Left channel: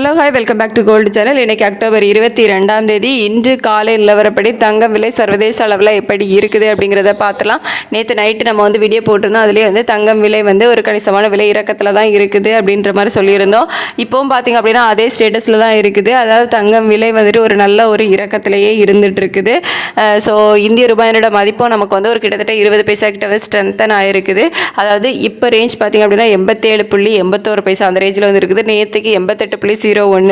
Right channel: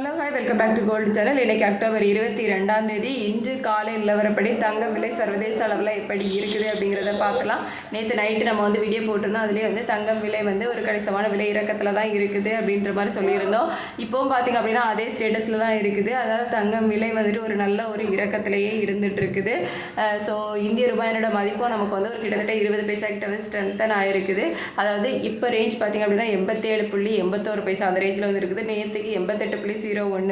Hello hi welcome back to gold channel. இன்றைக்கி October 22 இன்று காலை நிலவரப்படி தங்கம் விலை சர்வதேச அளவில் எப்படி இருக்குது அப்படிங்கிறத பார்த்துலாம். நேற்று நைட்டு நம்ம வீடியோ போட்டிருந்தோம். அதுலேயே தங்கம் விலை ஒரு கணிசமான விலை இறக்கத்தில் தான் இருக்குது அப்படின்ற மாதிரி சொல்லியிருந்தோம். இப்போவும் பார்த்திங்க அப்படின்னா அதே ஸ்டேட்டஸில் தான் இருக்குது. அதாவது தங்கம் விலை ஒரு நல்ல ஒரு இறக்கத்திலேயே இருந்துகிட்டு இருக்குது. ஸோ இந்திய ரூபாயினோட மதிப்பும் நமக்கு ஒரு கிட்டத்தட்ட 20 பைசா கிட்ட ஸ்ட்ரென்தன் ஆகிருக்குது. அதாவது இப்போ ரேஞ்ச் பார்த்திங்க அப்படின்னா 87.81 அந்த ரேஞ்சில் இருக்குது. நேற்றுக்கு 88.01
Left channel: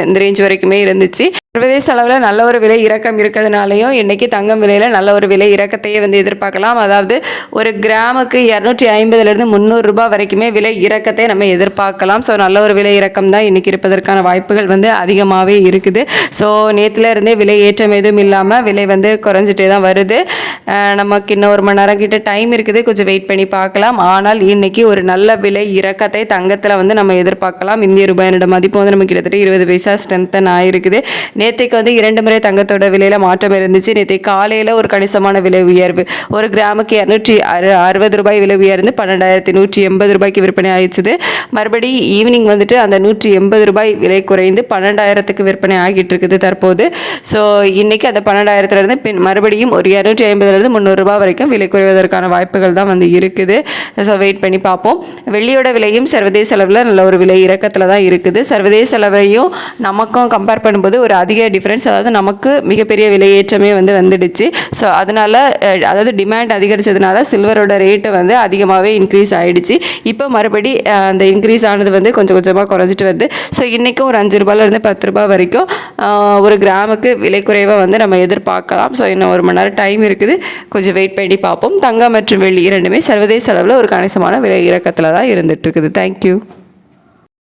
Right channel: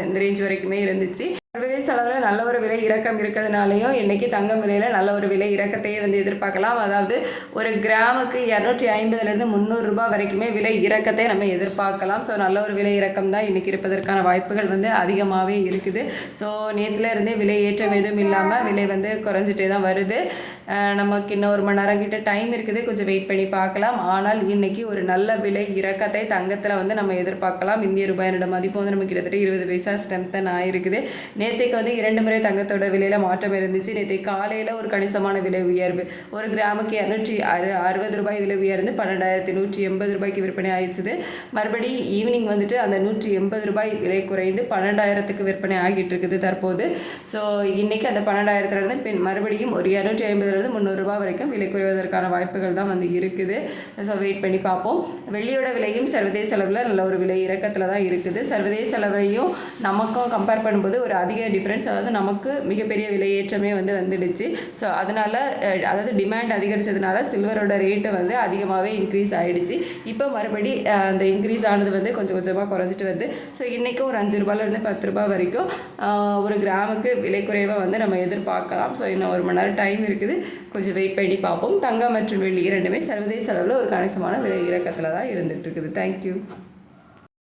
இந்த ரேஞ்ச் வரைக்குமே இருந்துச்சு. சர்வதேச அளவில் நல்ல ஒரு விலை இறக்கம் இருக்கிறதுனாலையும் இன்றைக்கி தங்கம் விலையில் நல்ல ஒரு விலை இறக்கத்தையே எதிர்பார்க்கலாம். அதாவது ஒரு கிராமுக்கு 250 300 ரூபாய் வரைக்குமே விலை இறக்கத்தை நம்ம எதிர்பார்க்கலாம். ஸோ நல்ல ஒரு விலை இறக்கம் தான் இன்றைக்கி இருப்பதற்கான வாய்ப்புகள் அதிகமாகவே இருக்குது. ஸோ நேற்றுல இருந்தே விலை ஏற்றம் எதுவும் இல்லாமல் விலை குறைஞ்சிட்டே தான் வருது. நமக்கு இன்னும் 1 மணி நேரம் கிட்ட டைம் இருக்குது, கொஞ்சம் வெயிட் பண்ணி பார்க்கலாம். ஆனால் இன்றைக்கி ஒரு நல்ல விலை இறக்கத்தை தங்கத்தில் நம்ம எதிர்பார்க்கலாம். இந்திய ரூபாயினோட மதிப்பு நம்ம கிட்டத்தட்ட 20 பைசா ஸ்ட்ரென்தன் ஆகிருக்குது. நேற்றைக்கு 2 முறை தங்கத்தோட விலையில் மாற்றம் இருந்துச்சு. நேற்றைக்கு காலையில் ஒரு கணிசமான விலை உயர்வு, ஒரு கிராமுக்கு 260 ரூபாய் விலை உயர்ந்து 12,180 ரூபாய்க்கு விற்பனை ஆயிடுச்சு. மறுபடி ஈவினிங் அந்த 180 ரூபாய் விலை குறைந்து 12,000க்கு விற்பனை ஆகிட்டு இருக்குது தற்போது. ஸோ இன்றைக்கி அந்த 12,000லேருந்து மறுபடியும் ஒரு 250 300 ரூபாய் வரைக்கும் விலை குறைவதற்கான வாய்ப்புகள் தான் இருக்குது. ஸோ வெயிட் பண்ணி பார்ப்போம். வெள்ளியோட விலையும் சர்வதேச அளவில் நல்ல ஒரு விலை இறக்கத்தில் தான் இருக்குது. சர்வதேச அளவையும் நமக்கும் கம்பேர் பண்ணும்போது ஒரு அதிக டிஃப்ரென்ஸ், அதாவது நமக்கு மிகப்பெரிய விலையேற்றமே வந்துடுச்சு. ஸோ அதனால் அதாவது டிமாண்ட் அதிகரித்ததுனால சில்வரோட ரேட்டு அதிகமாகவே இன்க்ரீஸ் ஆகிடுச்சு. இப்போ மறுபடி அந்த இன்க்ரீஸ் ஆனது கொஞ்சம் கொஞ்சமாக குறைஞ்சிட்டு வருது. ஸோ இன்றைக்கும் ஒரு 5 ரூபாயிலேருந்து 10 ரூபாய் வரைக்கும் ஒரு கிராமுக்கு விலை குறைவாக நம்ம எதிர்பார்க்கலாம். ஸோ இன்னும் 1 மணி நேரம் டைம் இருக்குது, கொஞ்சம் வெயிட் பண்ணி பார்ப்போம். தங்கம் மற்றும் வெள்ளி இரண்டுமே சர்வதேச அளவில் ஒரு கணிசமான விலை இறக்கத்தில் தான் இருந்துகிட்டு இருக்குது. தேங்க்யூ.